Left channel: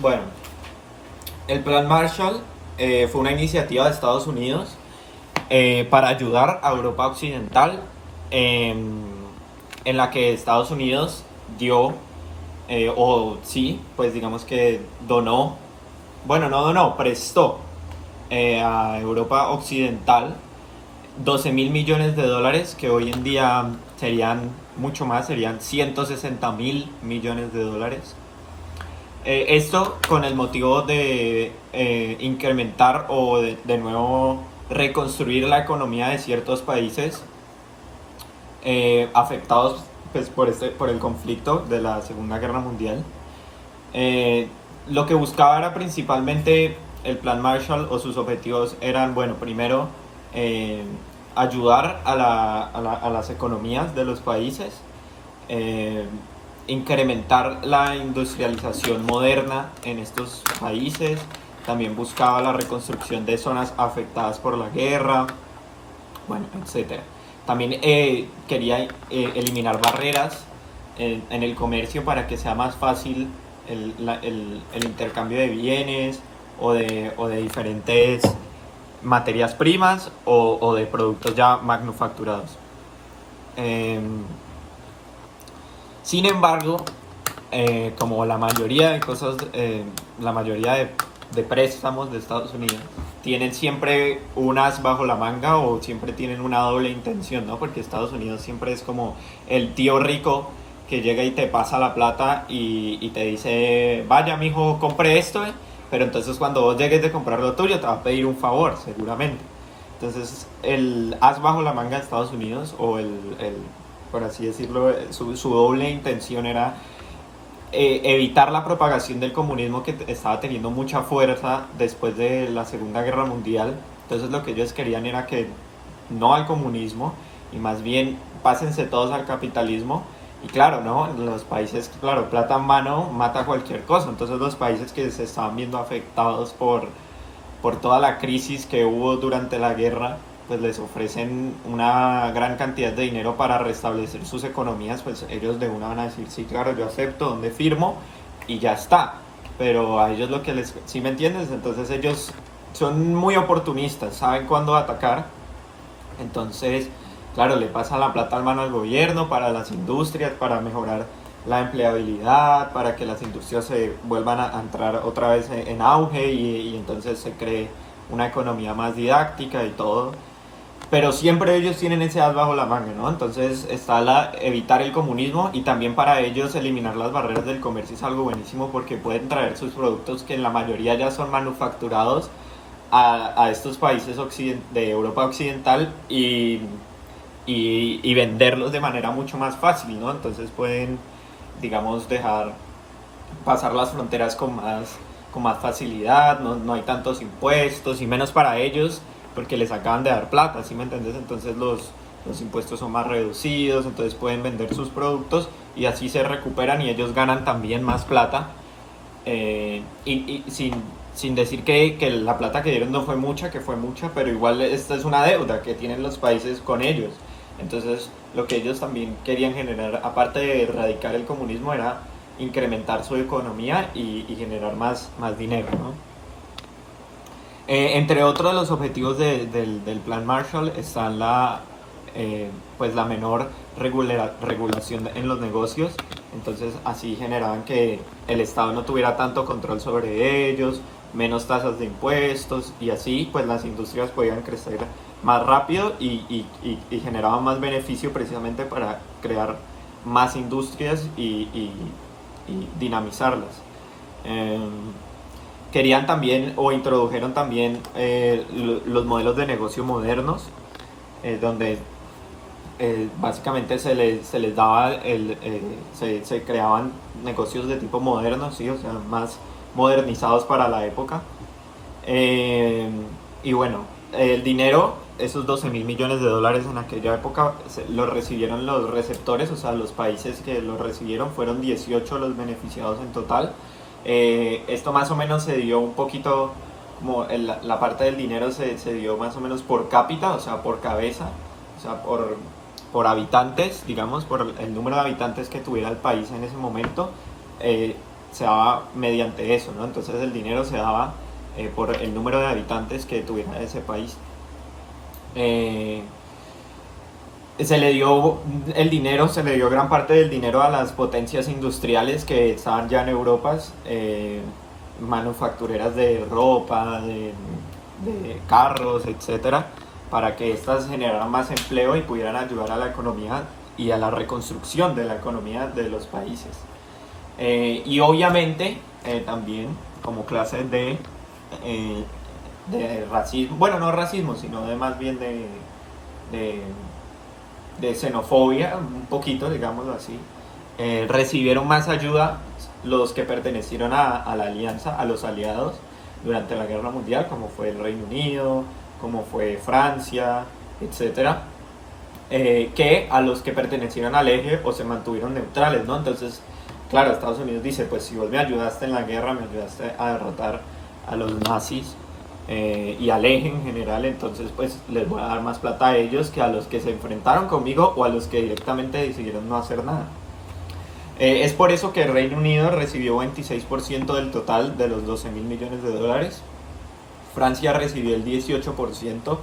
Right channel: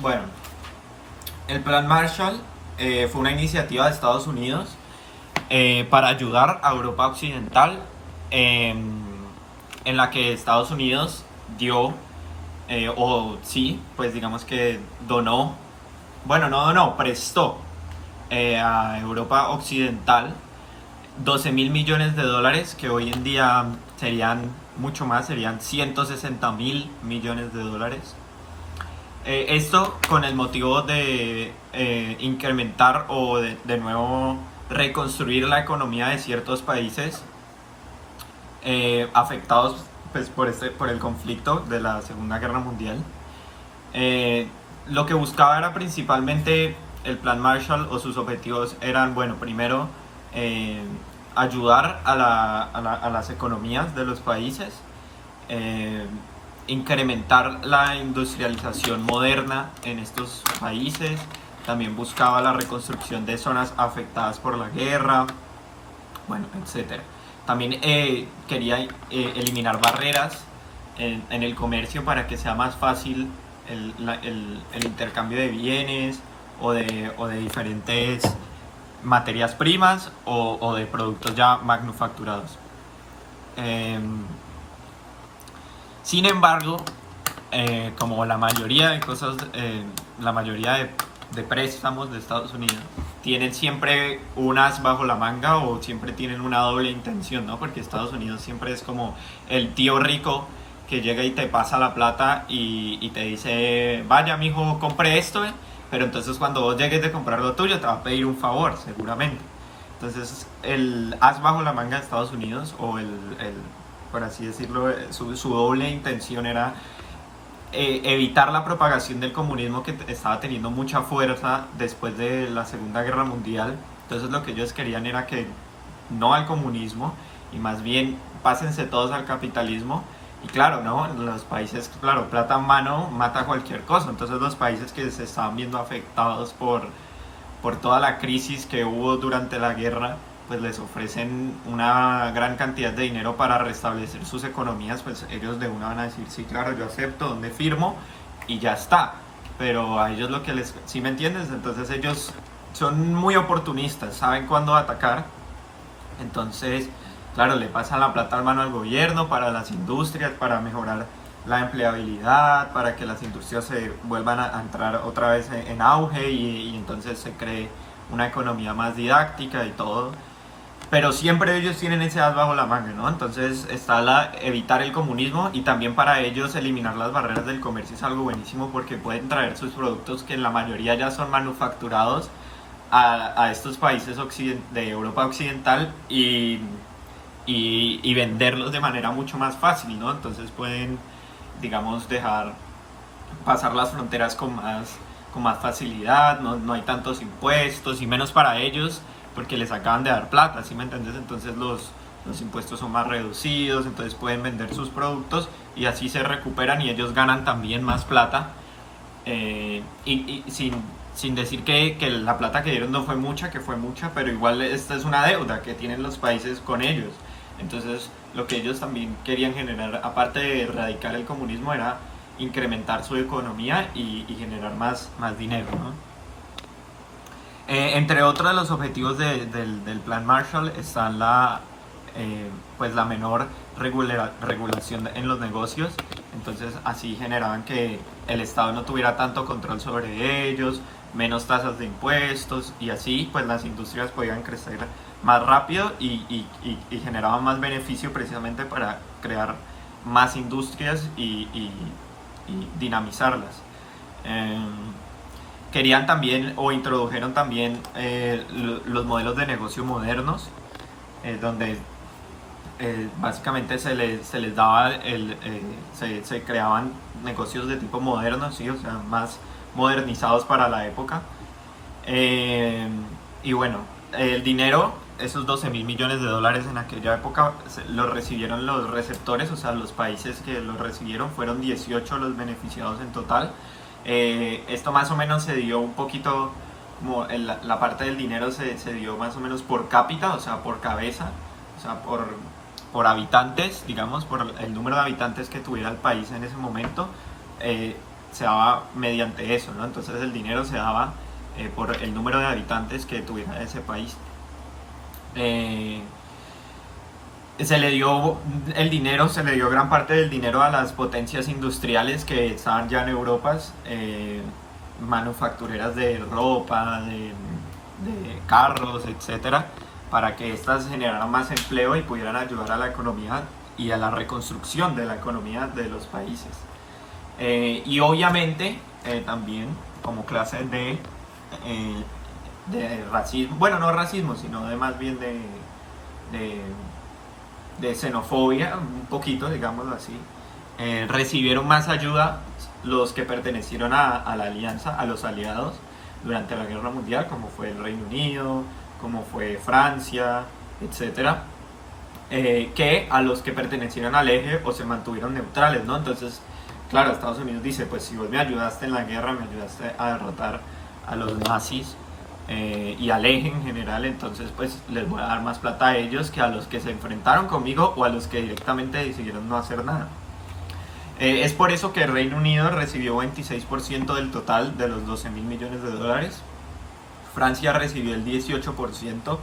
Bueno, el Plan Marshall fue una iniciativa de Estados Unidos para ayudar a Europa Occidental, en la que Estados Unidos dio, o sí, pues digamos que donó, bueno, no donó, prestó a Europa Occidental 12.000 millones de dólares, que hoy en día serían mucho más, serían 160.000 millones de dólares. Esto con el motivo de incrementar o de nuevo reconstruir la economía de ciertos países afectados pues, por el conflicto de la Segunda Guerra Mundial. Eh, lo que buscaba era principalmente el Plan Marshall, o sus objetivos eran, bueno, primero eh, ayudar a las economías de los países, eh, incrementar la industrialización moderna en estos países. También buscaba la reconstrucción de zonas afectadas por la guerra, bueno, etcétera. También quería eliminar barreras en el comercio para que sea más fácil el intercambio de bienes o de diferentes materias primas o de productos ya manufacturados. Eh, Sin embargo, como la mayoría de cosas, la mayoría de préstamos de Estados Unidos tienen siempre un as bajo la manga o siempre tienen una doble intención, ¿no? Porque Estados Unidos siempre es como el tío rico que llega y te pasa la plata y te dice, vaya, mijo, compre esto, pero entonces cuando vos llegues de comprar lo tuyo te va a pedir un favor, seguramente. Entonces, el as bajo la manga de Estados Unidos, o por así decirlo, su doble intención era evitar la propagación del comunismo, que estaba teniendo mucha fuerza después de la Segunda Guerra Mundial. Entonces, lo que ellos querían era que no al comunismo y más bien pásense todos al capitalismo. Y claro, ¿no? Los países, claro, plata en mano mata cualquier cosa. Entonces, los países que se estaban viendo afectados por toda la crisis que hubo durante la guerra, pues les ofrecen una gran cantidad de dinero para restablecer sus economías. Pues ellos de una van a decir, sí, claro, yo acepto, ¿dónde firmo? Y ya está. Pero a ellos lo que les... ¿Sí me entiendes? Entonces ellos son muy oportunistas, saben cuándo atacar. Entonces, claro, le pasan la plata al mano al gobierno para las industrias, para mejorar la empleabilidad, para que las industrias se vuelvan a entrar otra vez en auge y entonces se cree una economía más didáctica y todo. Pero siempre ellos tienen ese as bajo la manga, ¿no? Entonces está evitar el comunismo, y también para ellos eliminar las barreras del comercio es algo buenísimo, porque pueden traer sus productos, que en la mayoría ya son manufacturados, a estos países de Europa Occidental y venderlos de manera mucho más fácil, ¿no? Entonces pueden, digamos, dejar pasar las fronteras con más facilidad, no hay tantos impuestos y menos para ellos, porque les acaban de dar plata, ¿sí me entiendes? Entonces los impuestos son más reducidos, entonces pueden vender sus productos y así se recuperan y ellos ganan también más plata. Y sin decir que la plata que dieron no fue mucha, que fue mucha, pero igual esta es una deuda que tienen los países con ellos. Entonces, lo que ellos también querían generar, aparte de erradicar el comunismo, era incrementar su economía y generar más dinero, ¿no? Entre otros de los objetivos del Plan Marshall están pues la menor regulación en los negocios. Entonces así generaban que el Estado no tuviera tanto control sobre ellos, menos tasas de impuestos, y así pues las industrias podían crecer más rápido y generaban más beneficio, precisamente para crear más industrias y dinamizarlas. Eh, Querían también, o introdujeron también, los modelos de negocio modernos, donde básicamente se les daba, se creaban negocios de tipo moderno, ¿sí? O sea, más modernizados para la época. Eh, y bueno, el dinero, esos 12.000 millones de dólares en aquella época, los recibieron los receptores, o sea, los países que los recibieron fueron 18 los beneficiados en total. Esto más o menos se dio un poquito, como la parte del dinero se dio más o menos por cápita, o sea, por cabeza, o sea, por habitantes, digamos, por el número de habitantes que tuviera el país en ese momento. se daba mediante eso, ¿no? Entonces el dinero se daba por el número de habitantes que tuviera ese país. Eh, Se le dio el dinero, se le dio gran parte del dinero a las potencias industriales que estaban ya en Europa, manufactureras de ropa, de carros, etcétera, para que éstas generaran más empleo y pudieran ayudar a la economía y a la reconstrucción de la economía de los países. Y obviamente también como clase de racismo, bueno, no racismo, sino de más bien de de xenofobia, un poquito, digámoslo así, recibieron más ayuda los que pertenecieron a la alianza, a los aliados, durante la Guerra Mundial, como fue el Reino Unido, como fue Francia, etcétera, que a los que pertenecieron al eje o se mantuvieron neutrales, ¿no? Entonces, claro, Estados Unidos dice, pues si vos me ayudaste en la guerra, me ayudaste a derrotar a los nazis, y al eje en general, entonces pues les voy a dar más plata a ellos que a los que se enfrentaron conmigo o a los que directamente decidieron no hacer nada. Es por eso que el Reino Unido recibió 26% del total de los 12 mil millones de dólares, Francia recibió el 18%,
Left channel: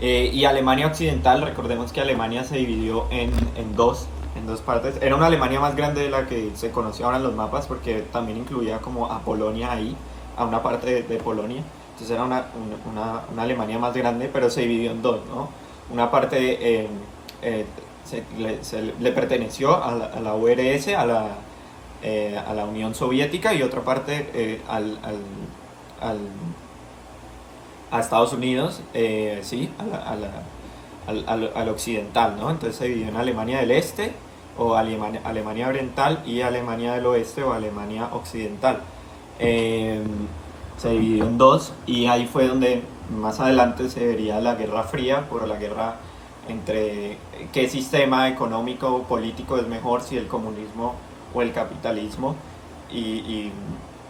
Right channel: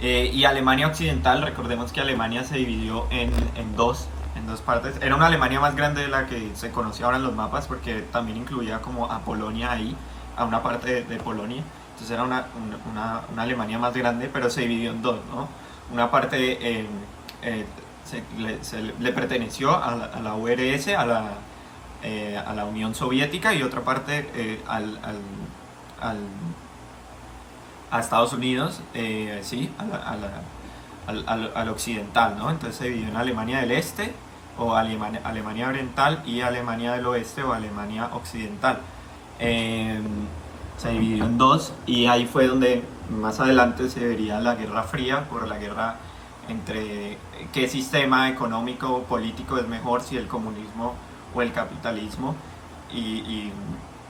y Alemania Occidental, recordemos que Alemania se dividió en dos partes. Era una Alemania más grande de la que se conoce ahora en los mapas, porque también incluía como a Polonia ahí, a una parte de Polonia. Entonces era una Alemania más grande, pero se dividió en dos, ¿no? Una parte le perteneció a la URSS, a la Unión Soviética, y otra parte a Estados Unidos, sí, al occidental, ¿no? Entonces se dividió en Alemania del Este, o Alemania Oriental, y Alemania del Oeste, o Alemania Occidental. Se dividió en dos, y ahí fue donde más adelante se vería la Guerra Fría, por la guerra entre qué sistema económico o político es mejor, si el comunismo o el capitalismo, y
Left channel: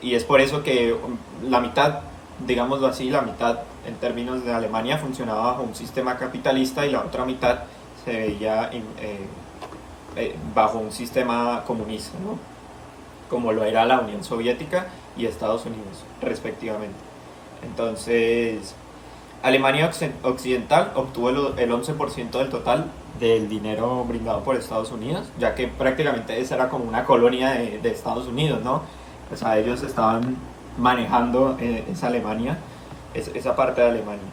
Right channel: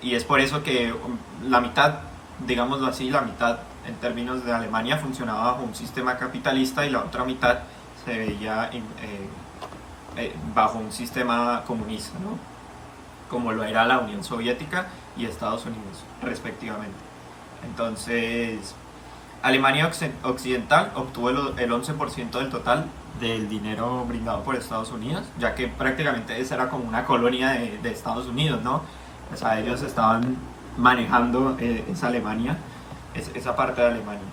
es por eso que la mitad, digámoslo así, la mitad en términos de Alemania funcionaba bajo un sistema capitalista y la otra mitad se veía bajo un sistema comunista, ¿no? Como lo era la Unión Soviética y Estados Unidos, respectivamente. Entonces, Alemania Occidental obtuvo el 11% del total del dinero brindado por Estados Unidos, ya que prácticamente esa era como una colonia de Estados Unidos, ¿no? O sea, ellos estaban manejando esa Alemania, esa parte de Alemania.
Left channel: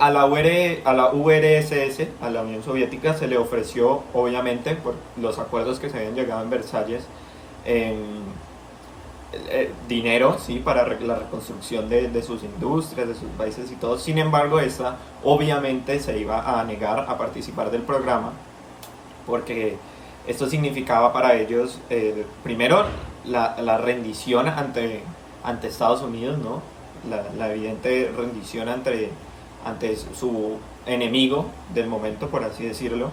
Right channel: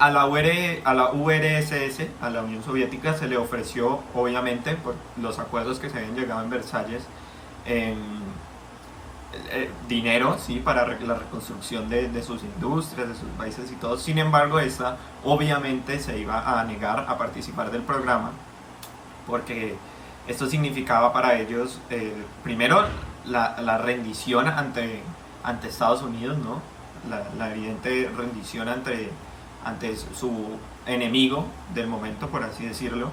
A la URSS, a la Unión Soviética, se le ofreció, obviamente, por los acuerdos que se habían llegado en Versalles, dinero, sí, para la reconstrucción de sus industrias, de sus países y todo. Sin embargo, esta obviamente se iba a negar a participar del programa, porque esto significaba para ellos, primero, la rendición ante Estados Unidos, ¿no? La evidente rendición ante su enemigo del momento, por así decirlo,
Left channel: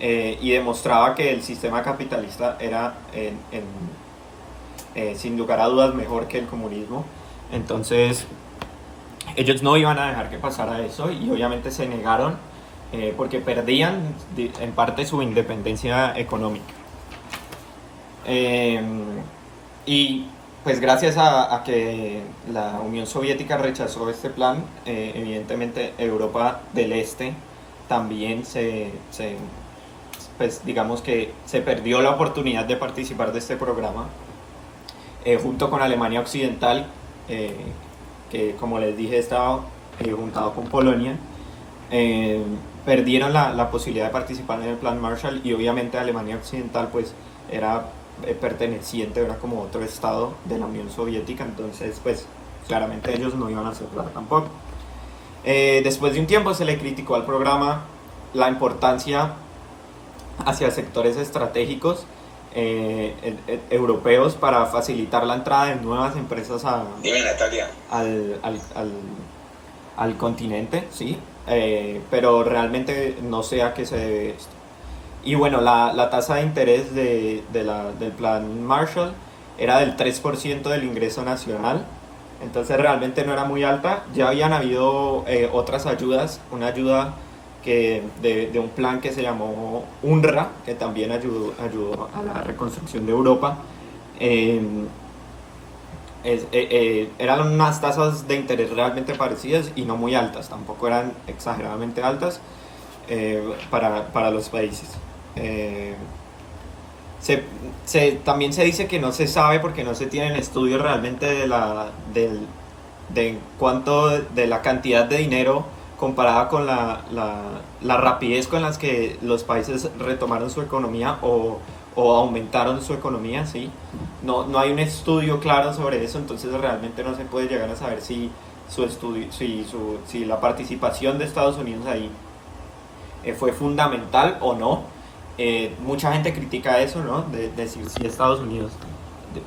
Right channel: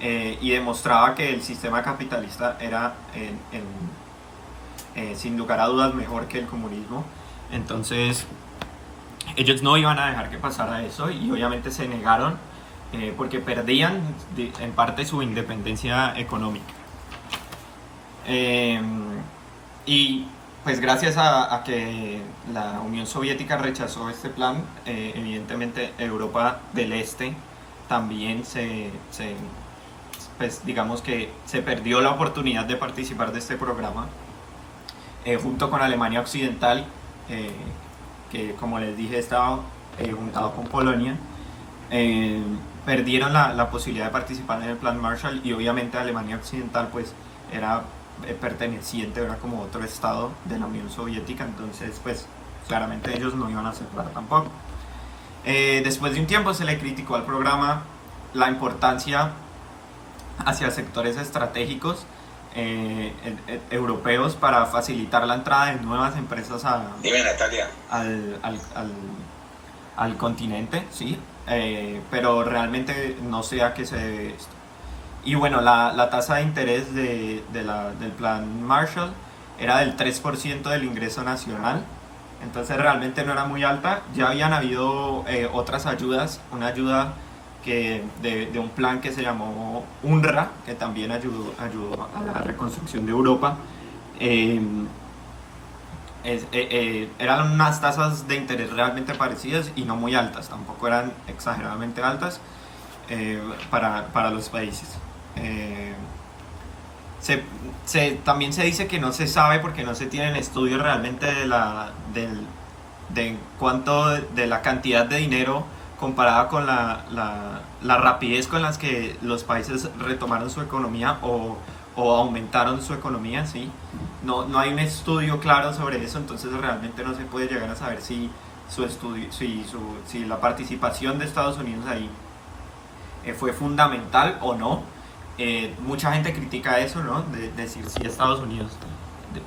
y demostraba que el sistema capitalista era sin lugar a dudas mejor que el comunismo. Entonces ellos no iban a dejar que pasara eso, y obviamente se negaron, porque perdían en parte su independencia económica. Y pues gracias a que la Unión Soviética rechazó este plan, evidentemente Europa del Este también pues digamos que se perdió la oportunidad de participar de este programa, junto con Alemania Occidental, que como les dije estaba juntado con Polonia. Perdieron la posibilidad de participar en el plan Marshall, y obviamente Alemania Occidental pues era perteneciente, era como otro estado de la Unión Soviética, entonces pues claramente ellos no iban a aceptar tampoco. Después de un tiempo se le criticó al programa la importancia hacia sectores estratégicos europeos para facilitar la entrada de nuevas empresas al continente, ¿sí? Pero realmente no sé a qué se debe esto. Y bueno, la tasa de interés del plan Marshall era del 3% del ingreso nacional, entonces realmente no era muy alta. Ya habían habido otras ayudas, una ayuda de un plan que se llamó UNRWA, que también ayudó a la reconstrucción de Europa, Eh, eran unas tasas de interés realmente parecidas y no muy altas, tampoco eran exageradamente altas para los países. Eh, se, también se dice que no se sabe porque no se tienen estudios realmente de cuánto, de la cantidad de dinero comparada con la rapidez con las que los países retomaron su economía o aumentaron su economía, ¿sí? No hay un estudio claro sobre eso, entonces realmente no se puede llegar a saber si su estudio, si la participación de Estados Unidos ahí fue fundamental o no. Mucha gente critica eso, ¿no? De decir si Estados Unidos,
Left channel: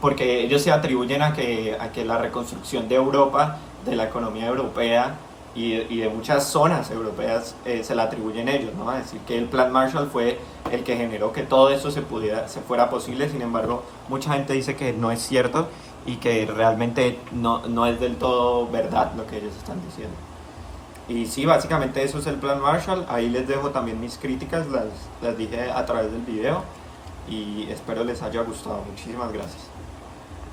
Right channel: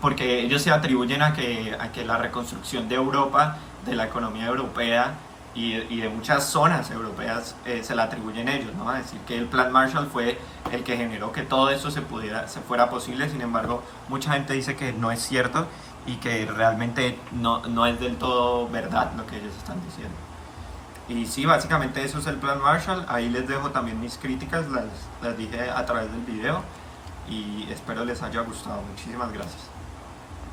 porque ellos se atribuyen a que la reconstrucción de Europa, de la economía europea y de muchas zonas europeas se la atribuyen ellos, ¿no? A decir que el Plan Marshall fue el que generó que todo eso se fuera posible. Sin embargo, mucha gente dice que no es cierto y que realmente no es del todo verdad lo que ellos están diciendo. Y sí, básicamente eso es el Plan Marshall. Ahí les dejo también mis críticas, las dije a través del video y espero les haya gustado. Muchísimas gracias.